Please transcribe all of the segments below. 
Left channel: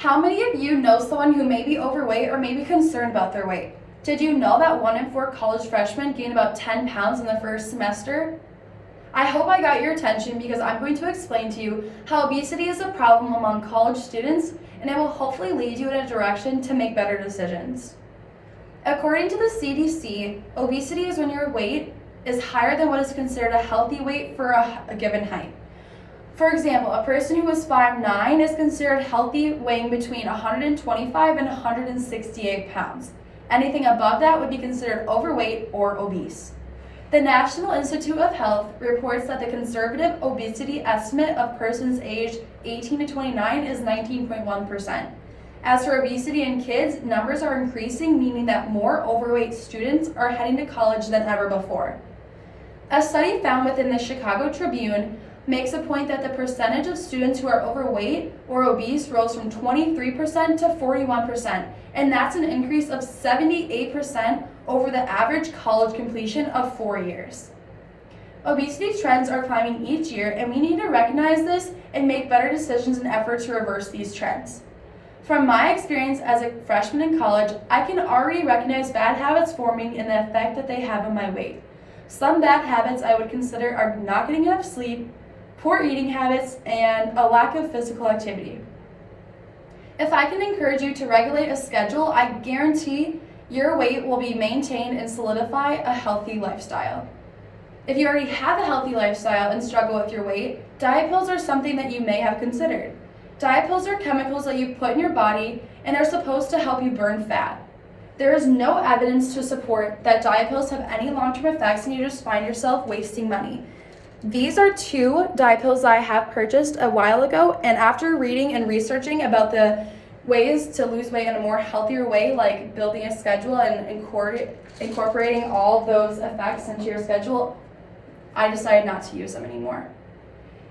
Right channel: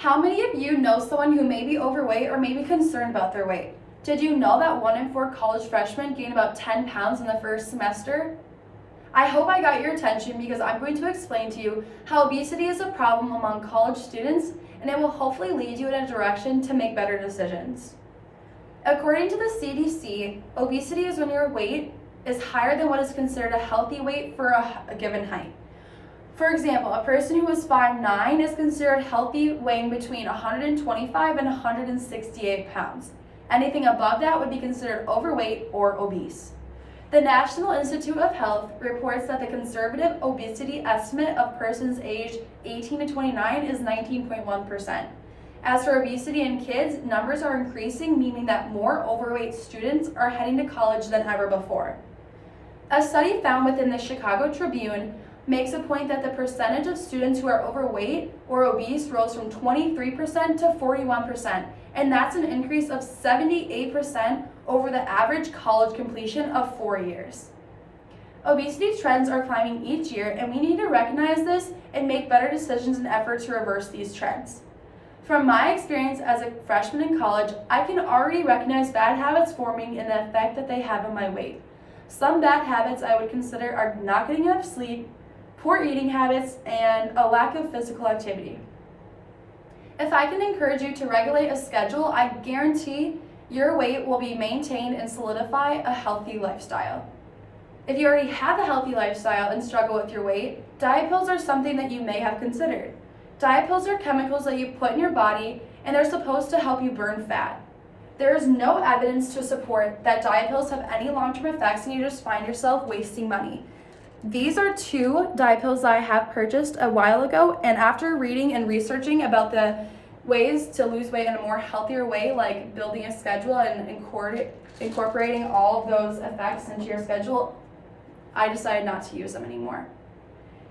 How many of you know someone who may be overweight or may be concerned about their weight? Did you know that 1 in 4 college freshmen gain about 10 pounds in the first semester? I hope I got your attention because I'm going to explain to you how obesity is a problem among college students, and it will hopefully lead you in a direction to make better decisions. According to the CDC, obesity is when your weight is higher than what is considered a healthy weight for a given height. For example, a person who is 5'9" is considered healthy, weighing between 125 and 168 pounds. Anything above that would be considered overweight or obese. The National Institute of Health reports that the conservative obesity estimate of persons aged 18 to 29 is 19.1%. As for obesity in kids, numbers are increasing, meaning that more overweight students are heading to college than ever before. A study found within the Chicago Tribune makes a point that the percentage of students who are overweight or obese rose from 23% to 41%, and that's an increase of 78% over the average college completion of 4 years. Obesity trends are climbing each year, and we need to recognize this and make better decisions in effort to reverse these trends. From my experience as a freshman in college, I can already recognize bad habits forming and the effect that they have on my weight. Some bad habits I would consider are not getting enough sleep, poor eating habits, and a lack of physical activity. If I can encourage you to regulate a schedule, I guarantee your weight will be maintained and solidify a healthy lifestyle. If you already have a healthy lifestyle and struggle with your weight, diet pills are something that you may have considered. Diet pills are chemicals that you put in your body, and they're supposed to help you burn fat. There is no evidence to support that diet pills have any long-term effects, and you just find yourself wasting money. These are 2 diet pills that I have purchased a while ago, and after reading and researching about the ways to lose weight in a more healthier way, like building a schedule and incorporating all of those effects into your schedule, I decided not to use them anymore.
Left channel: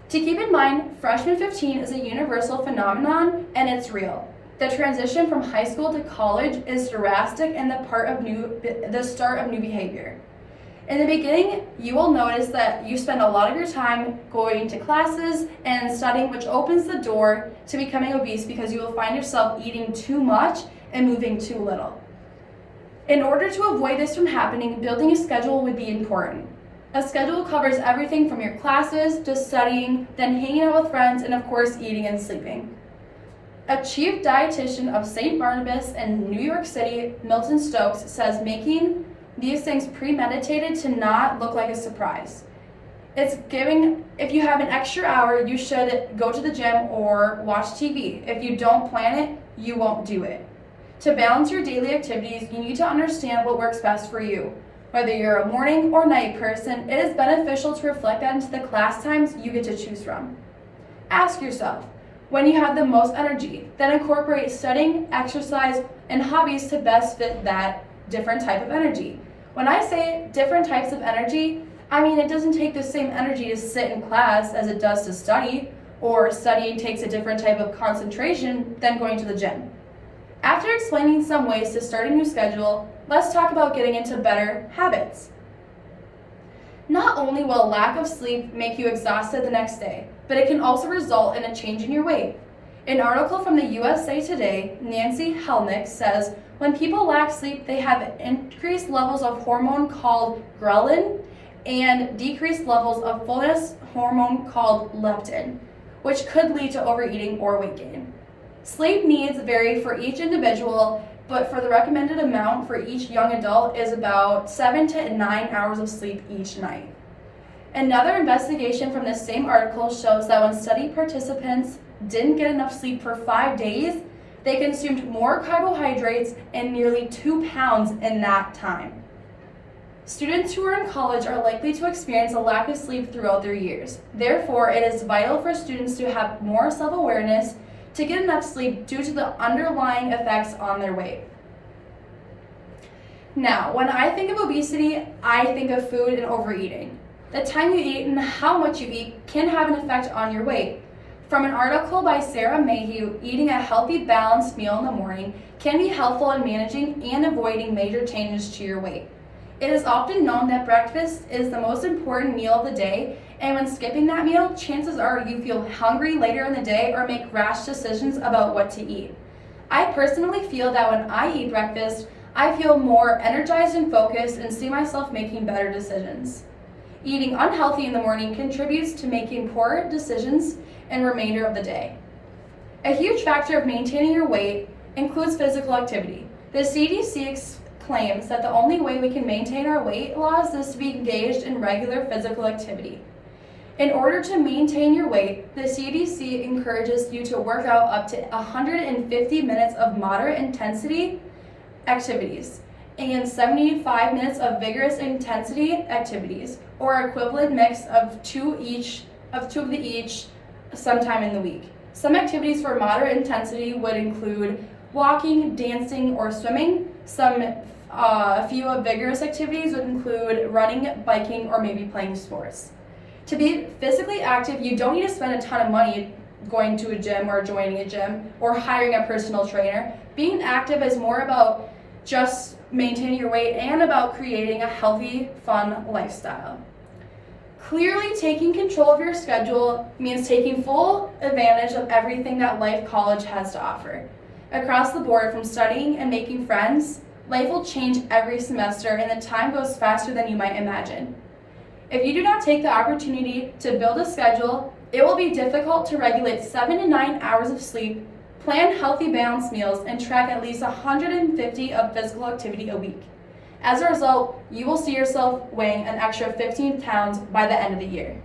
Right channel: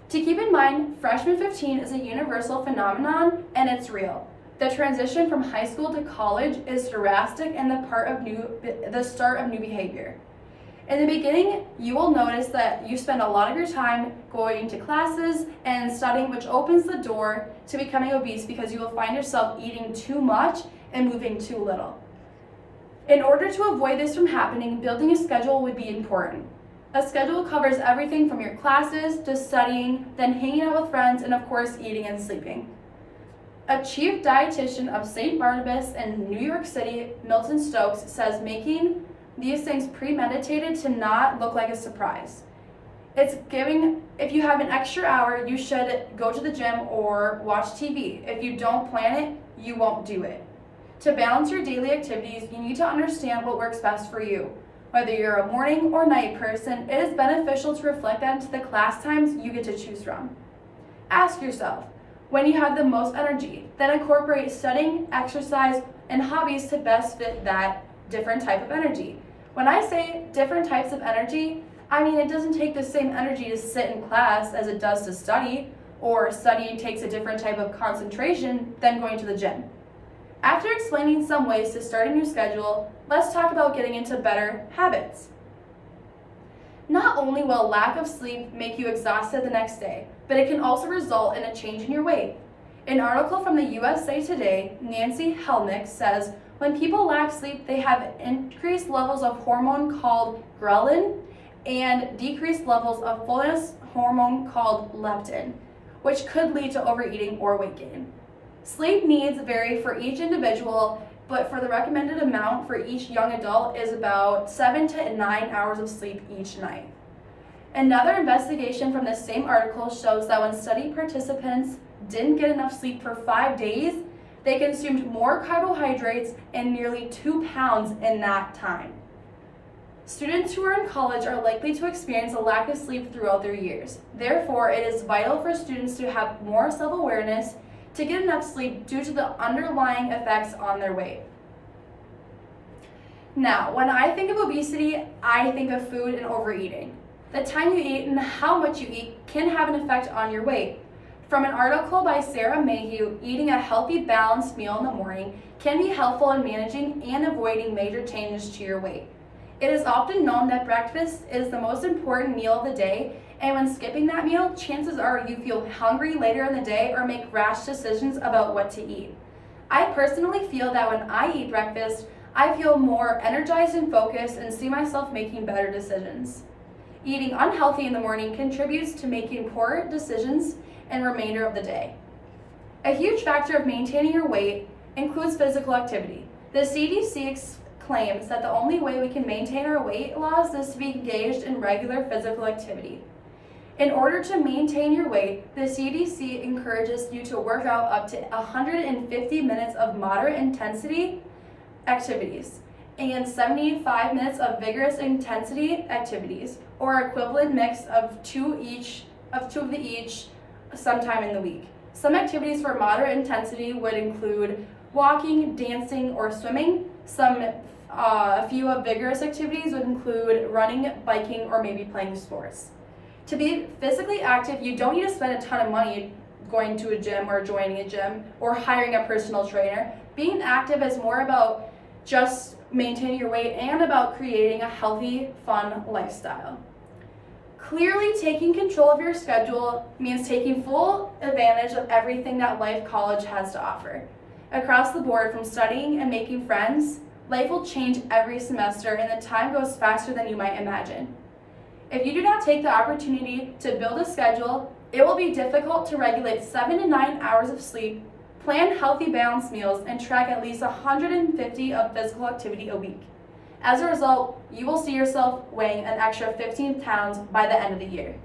To keep in mind, freshman 15 is a universal phenomenon, and it's real. The transition from high school to college is drastic and the start of new behavior. In the beginning, you will notice that you spend a lot of your time going to classes and studying, which opens the door to becoming obese because you will find yourself eating too much and moving too little. In order to avoid this from happening, building a schedule would be important. A schedule covers everything from your classes to studying, then hanging out with friends, and of course, eating and sleeping. A chief dietitian of St. Barnabas in New York City, Milton Stokes, says making these things premeditated to not look like a surprise. If you have an extra hour, you should go to the gym or watch TV. If you don't plan it, you won't do it. To balance your daily activities, you need to understand what works best for you. Whether you're a morning or night person, it is beneficial to reflect that into the class times you get to choose from. Ask yourself, when you have the most energy, then incorporate studying, exercise, and hobbies to best fit that different type of energy. When I say different types of energy, I mean it doesn't take the same energy to sit in class as it does to study, or studying takes a different type of concentration than going to the gym. After explaining some ways to start a new schedule, let's talk about getting into better habits. Not only will lack of sleep make you exhausted the next day, but it can also result in a change in your weight. An article from the USA Today, Nancy Helnick, says when people lack sleep, they have increased levels of hormone called ghrelin and decreased levels of fullness hormone called leptin, which could lead to overeating or weight gain. Sleep needs vary for each individual, but for the recommended amount for each young adult is about 7 to 9 hours of sleep each night. Another investigation from the same article shows that when study participants didn't get enough sleep for 5 days, they consumed more carbohydrates and nearly 2 pounds in that time. Students who are in college are likely to experience a lack of sleep throughout their years. Therefore, it is vital for students to have more self-awareness to get enough sleep due to the underlying effects on their weight. Now, when I think of obesity, I think of food and overeating. The time you eat and how much you eat can have an effect on your weight. From an article by Sarah Mayhew, eating a healthy, balanced meal in the morning can be helpful in managing and avoiding major changes to your weight. It is often known that breakfast is the most important meal of the day, And when skipping that meal, chances are you feel hungry later in the day or make rash decisions about what to eat. I personally feel that when I eat breakfast, I feel more energized and focused and see myself making better decisions. Eating unhealthy in the morning contributes to making poor decisions in the remainder of the day. A huge factor of maintaining your weight includes physical activity. The CDC claims that the only way we can maintain our weight loss is to be engaged in regular physical activity. In order to maintain your weight, the CDC encourages you to work out up to 150 minutes of moderate intensity activities and 75 minutes of vigorous intensity activities, or equivalent mix of two of the each sometime in the week. Some activities for moderate intensity would include walking, dancing, or swimming. A few of vigorous activities would include running, biking, or maybe playing sports. To be physically active, you don't need to spend a ton of money going to a gym or joining a gym or hiring a personal trainer. Being active is more about just maintaining your weight and about creating a healthy, fun lifestyle. Clearly, taking control of your schedule means taking full advantage of everything that Life College has to offer. Across the board, from studying and making friends, life will change every semester and the time goes faster than you might imagine. If you do not take the opportunity to build a schedule, it will be difficult to regulate 7 to 9 hours of sleep, plan healthy balanced meals, and track at least 150 of physical activity a week. As a result, you will see yourself weighing an extra 15 pounds by the end of the year.